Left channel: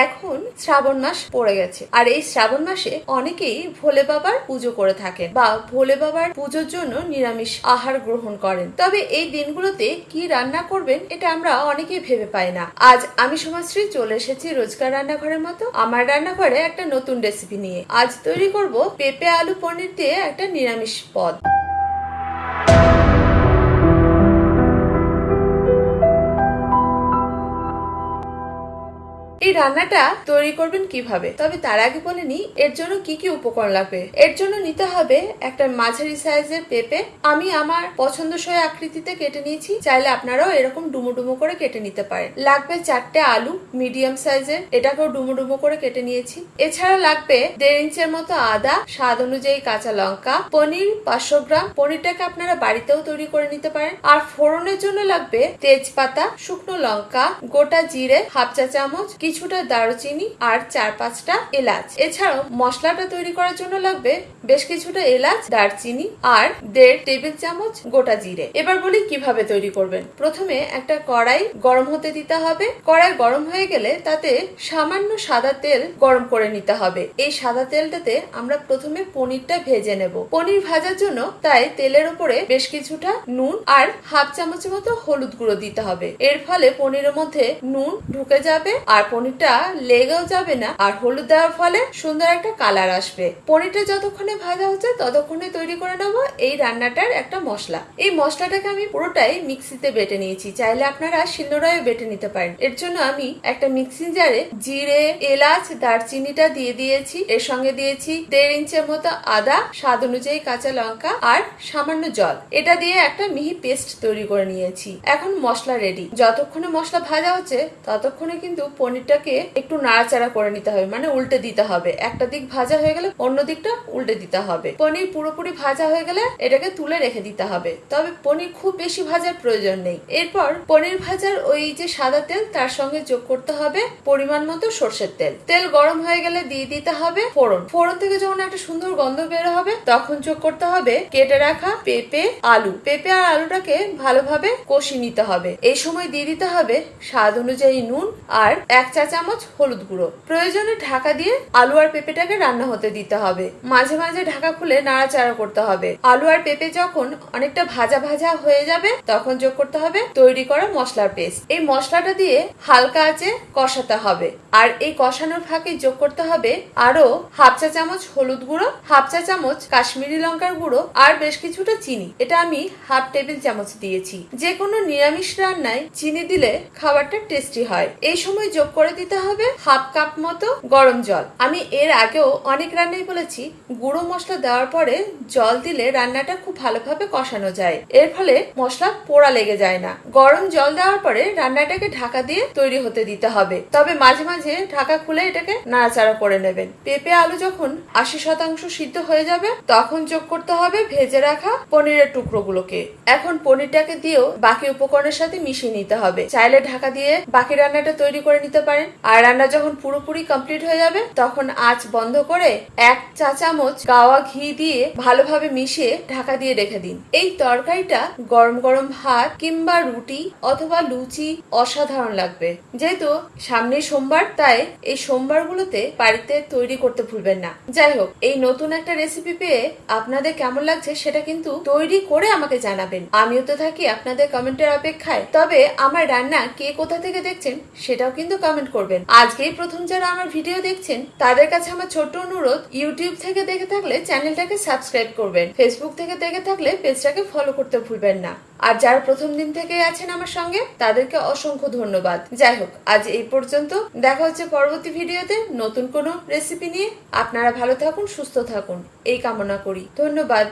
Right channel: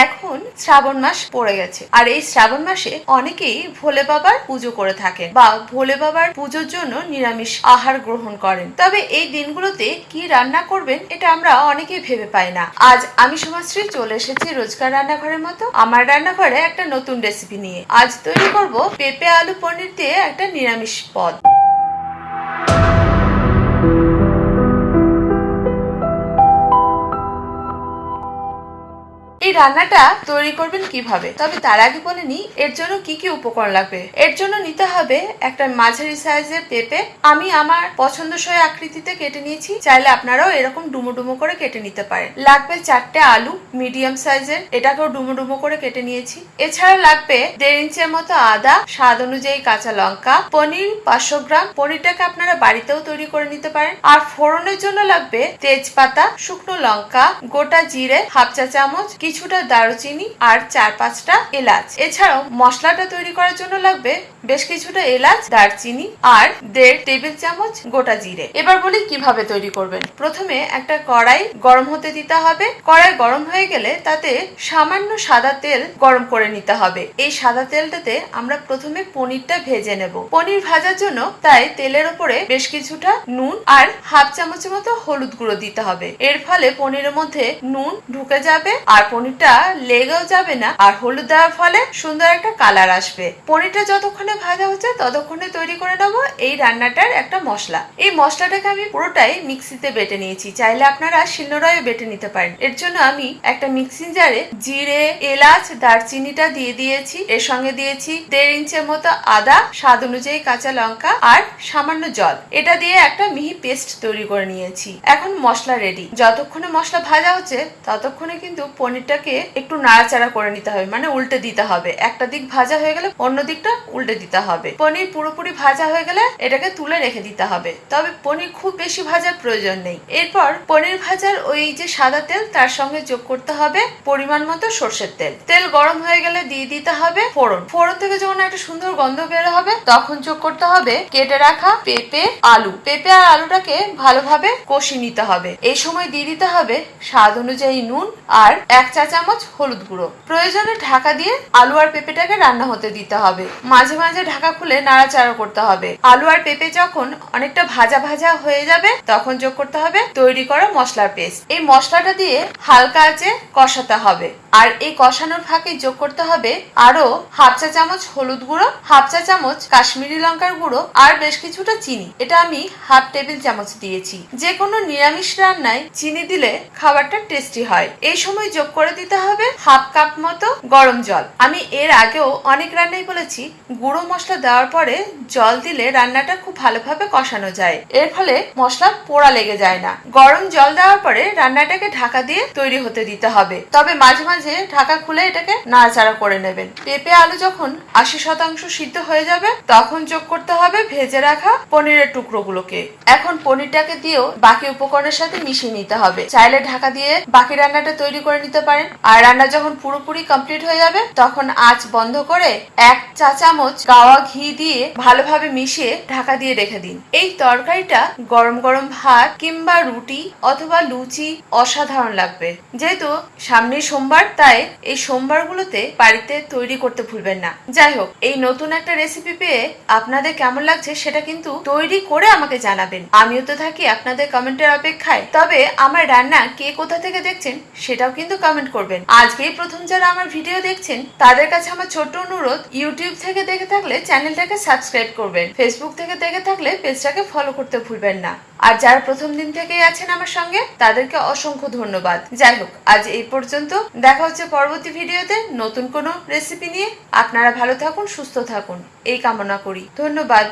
এখন শ্রাবণ মাস পড়ে গেছে। আর এই শ্রাবণ মাসে অনেকেই ভোলে বাবার পুজো করে থাকেন বা ভোলে বাবার পুজোর জন্য নিরামিষ আহার গ্রহণ করেন। তবে এই দিনগুলোতে কি রান্না করবেন এটা আমরা অনেকেই ভেবে পাই না। আজ আমি সমাজশ্রী চলে এসেছি রোজকার রান্নাঘরের মতো আমার রান্নাঘরে একটা নতুন রেসিপি নিয়ে। আজ তৈরি করব পেঁপে, আলু, পনির দিয়ে একটা নিরামিষ পদ। রান্নাটা তৈরি করবেন কীভাবে? তবে তার আগে বলে নি এর জন্য কি কি উপকরণ লাগবে? এর জন্য নিতে হবে একটা মাঝারি সাইজের পেঁপে। আমি আমার পছন্দসই আকৃতিতে কেটে নিয়েছি, চাইলে আপনারাও এরকম ডুমো ডুমো করে কেটে নিতে পারেন। লাগবে চারটে আলু, মিডিয়াম সাইজের, এটাকেও ডুমো ডুমো করে কেটে নিয়েছি। এছাড়া লাগবে দেড় ইঞ্চের মতো আদা, স্বাদ অনুযায়ী কাঁচা লঙ্কা, পনির পাঁচশো গ্রাম। পনিরটাকে আপনারা বাড়িতেও তৈরি করে নিতে পারেন। আর ফোড়নের জন্য লাগবে তেজপাতা, শুকনো লঙ্কা, গোটা জিরে, হাফ চা চামচ কিছুটা দারুচিনি আর চার পাঁচটা এলাচ। এছাড়াও মশলাটা তৈরি করার জন্য লাগবে বেশ কিছুটা এলাচ, দারচিনি আর দেড় টেবিল চামচ গোটা জিরে। এবার বলি কীভাবে তৈরি করবেন। প্রথমে একটা কড়াই গরম হতে দিতে হবে। কড়াই গরম হয়ে গেলে তাতে সামান্য সাদা তেল গরম করে নিতে হবে। এই সাদা তেলটাতে আমরা প্রথমে পনিরটা ভেজে নেব। পনির ভাজার জন্য তাই তেলের উপরে বেশ কিছুটা নুন আর হাফ চামচের মতো হলুদ গুঁড়ো দিতে হবে। এর ফলে পনিরের মধ্যে নুন ঢুকে যাবে আর পনিরটা লেগেও যাবে না, আর হলুদ দেওয়ার ফলে সুন্দর একটা কালার আসবে। পনিরটা যতক্ষণে ভাজা হচ্ছে, ততক্ষণে তৈরি করে নেব এই রান্নাটার একটা মশলা। এই মশলাটাকে আমি পুরোটাই মিক্সিতে বেটে নিয়েছি। চাইলে আপনারা শিলনোড়ায় বেটে নিতে পারেন। এর জন্য আমি একটা মিক্সিং জারে জিরে, এলাচ, দারচিনিটা দিয়ে দিয়েছি। এর সঙ্গে দিয়েছি দেড় ইঞ্চের মতো আদা, স্বাদ অনুযায়ী কাঁচা লঙ্কা আর সামান্য জল। এটা দিয়ে একটা মিহি পেস্ট তৈরি করে নিয়েছি। এখন মশলা রেডি। যতক্ষণে মশলা ভাজা হচ্ছে, ততক্ষণে কিন্তু পনিরটাকে একটু নাড়াচাড়া করে নিতে হবে মানে উল্টে দিতে হবে। একটা দিক ভাজা হয়ে গেলে অন্য দিকটা উল্টে দিতে হবে। পনির পুরোপুরি ভাজা হয়ে গেলে এটাকে তুলে রেখে দিতে হবে। তবে পনির খুব বেশি ভাজার প্রয়োজন নেই। এরপর পনির ভাজার ওই যে সাদা তেল, তার সঙ্গে যোগ করতে হবে পরিমাণ মতো সর্ষের তেল। তেল গরম হয়ে গেলে দিয়ে দিতে হবে ফোড়ন। ফোড়ন থেকে যখন একটা সুন্দর গন্ধ বের হবে, তখন যোগ করতে হবে কেটে রাখা পেঁপে, আলু। পেঁপে আর আলুটাকে ভালোভাবে কষি নিতে হবে। এই সময় দিয়ে দিতে হবে স্বাদ অনুযায়ী নুন আর এক চা চামচ, হলুদ গুঁড়ো। প্রয়োজনে ঢাকা দিয়ে আলু আর পেঁপেটাকে রান্না হতে দিতে হবে। মাঝে মাঝে ঢাকা খুলে নাড়াচাড়া করতে হবে। আলু আর পেঁপে যখন অনেকটা ভাজা ভাজা হয়ে যাবে, তখন যোগ করতে হবে তৈরি করা মশলার পেস্ট। এই মশলাটা দিয়ে হালকা আঁচে কষাতে হবে। আর এই কষানোর ফাঁকে যোগ করতে হবে আরও হাফ চা চামচ হলুদ গুঁড়ো, হাফ চা চামচ কাশ্মীরি লঙ্কার গুঁড়ো আর বেশ কিছুটা চিনি। এটা আমি হাফ টেবিল চামচ দিয়েছি। যে কোনো নিরামিষ রান্নায় চিনি দিলে খাবারটা টেস্টি হয়। এই সময় যোগ করে দিতে হবে হাফ কাপ মতো গরম জল। আমি এর আগেও অনেক রান্নাই বলেছি, গুঁড়ো মশলা দেওয়ার পরে জল দিলে রান্নাটা খুব ভালোভাবে কষানো যায়। এর ফলে মশলা পোড়া লেগে যায় না। গরম জল দেওয়ার পরে রান্নাটাকে ঢাকা দিয়ে তৈরি হতে দিতে হবে। তবে মাঝে মাঝে ঢাকা খুলে এটাকে নাড়াচাড়া করে নেবেন। পেঁপে আলু যখন আশি শতাংশ সিদ্ধ হয়ে যাবে, তখন যোগ করতে হবে ভেজে রাখা পনিরের টুকরোগুলোকে। এখন পনিরটাকে দিয়েও বাকি উপকরণের সাথে মিশিয়ে নিতে হবে। চাইলে ঢাকা দিয়ে বাকি রান্নাটা তৈরি করে নিতে পারেন। আর রান্না যখন পুরোপুরি কমপ্লিট হয়ে যাবে, তখন আঁচ বন্ধ করে এক চা চামচ গাওয়া ঘি দিয়ে ভালোভাবে মিশিয়ে ঢাকা দিয়ে রেখে দিন। এই তরকারিটা গরম গরম ভাত কিংবা রুটি অথবা লুচি অসাধারণ লাগবে। যেহেতু সামনে সোমবার তাই এই সোমবারগুলোতে বাড়িতে তৈরি করতে ভুলবেন না। যাই হোক, এই নতুন একটা রেসিপি পেয়ে আপনাদের কেমন লাগছে সেটা কিন্তু তৈরি করে আমাকে জানাবেন। আমিও তো থাকি আপনাদের কমেন্টের অপেক্ষায়। তবে আমার রান্না কে কোথা থেকে দেখছেন সেটাও কিন্তু কমেন্ট করবেন। আজকেই প্রথম যারা আমার ভিডিও দেখছেন, তাদের কাছে আমার ছোট্ট অনুরোধ, ইউটিউব থেকে দেখে থাকলে চ্যানেলটাকে সাবস্ক্রাইব করবেন। ফেসবুক থেকে দেখে থাকলে পেজটাকে ফলো করতে ভুলবেন না। আর যারা প্রথম দিন থেকে আছেন আমার সঙ্গে, তাদেরকে অসংখ্য ধন্যবাদ। যাই হোক, আজ এই পর্যন্ত। দেখা হচ্ছে পরবর্তী ভিডিওতে নতুন কোনো রেসিপি নিয়ে। আপনারা ভালো থাকুন, সুস্থ থাকুন। এই কামনা করি। ধন্যবাদ।